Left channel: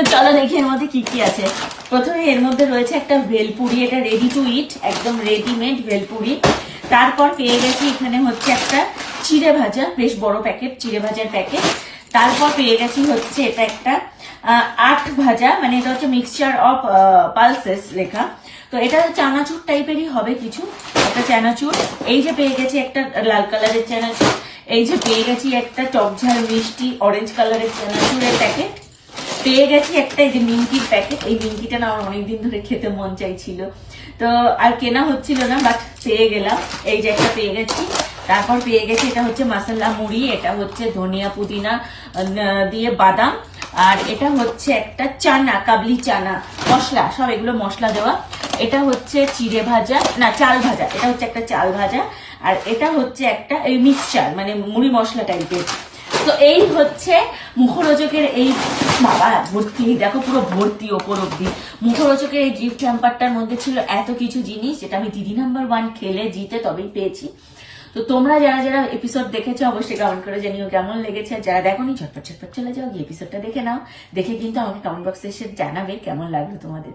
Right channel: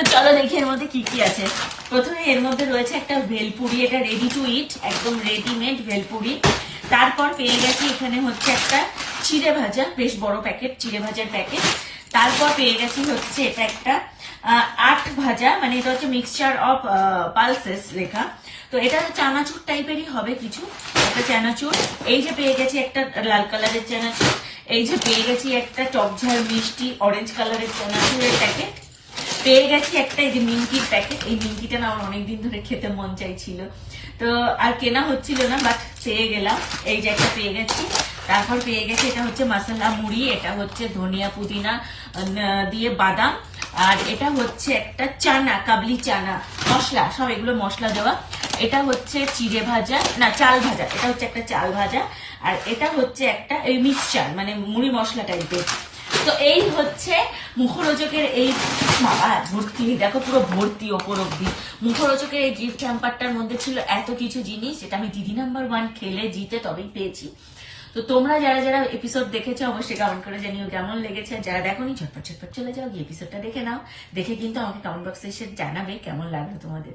তো চলো দেখি এর মধ্যে কি কি আছে। প্রথমে এর মধ্যে রয়েছে একটা ভেলপুরি, এটা রেডি টু ইট, একদম রেডিমেড ভেলপুরি। তারপর পেয়ে গেছি এখানে হচ্ছে একটা চিড়ে ভাজা, বেশ বড় প্যাকেট চিড়ে ভাজার প্যাকেট। তারপর পেয়ে গেছি হচ্ছে এটা একটা আট ভাজা, মানে এটা হচ্ছে মিক্সচার অফ পালসেস লেখা, তো এটা চানাচুর টাইপেরই হবে কিছু, একটা চানাচুর। এই যে পেয়ে গেছি একটা লাল কালারের চানাচুর। এই যে পেয়ে গেছি একটা টকঝাল মিষ্টি অরেঞ্জ কালারের চানাচুরের প্যাকেট। পেয়ে গেছি একটা এই যে নিমকির প্যাকেট, এই নিমকিটা না আমার অনেকদিন ধরে খেতে মন চাইছিল, তো আর কেনা হচ্ছিল না, বাট পেয়ে গেলাম। এই যে একটা পেয়ে গেছি। তারপর পেয়ে গেছি এটা হচ্ছে মাসালা মুড়ি, এটা হচ্ছে ধনিয়া পুদিনা দিয়ে বাদাম। আর এটা হচ্ছে একটা চানা, কাবলি চানা মশলা, সব এগুলো মশলা দেওয়া। এটা হচ্ছে চিড়ে ভাজা, না চাল ভাজা, এটা হচ্ছে একটা চাল ভাজা। আর এটা হচ্ছে একটা এই মিক্সচার, মানে মুড়ি মশলা টাইপের। তো এই হচ্ছে মুখরোচকের এই বাবা ভর্তি, দেখো পুরো ভর্তি ওপর অব্দি। মুখরোচকের এই গিফট হ্যাম্পারটার মধ্যে ছিল এত কিছু জিনিস, যেটা আমি দিদি নাম্বার 1 খেলে জিতে তবেই পেয়েছি। তো তোমরা যারা যারা এপিসোড দেখেছো অবশ্যই কমেন্ট করে জানিও কেমন লেগেছে। যারা দেখোনি ঝটপট ঝটপট চলে যাও, গিয়ে এপিসোডটা দেখে নাও। দেখে কিন্তু আমাকে কমেন্ট বক্সে এসে জানাবে কেমন লাগলো তোমাদের।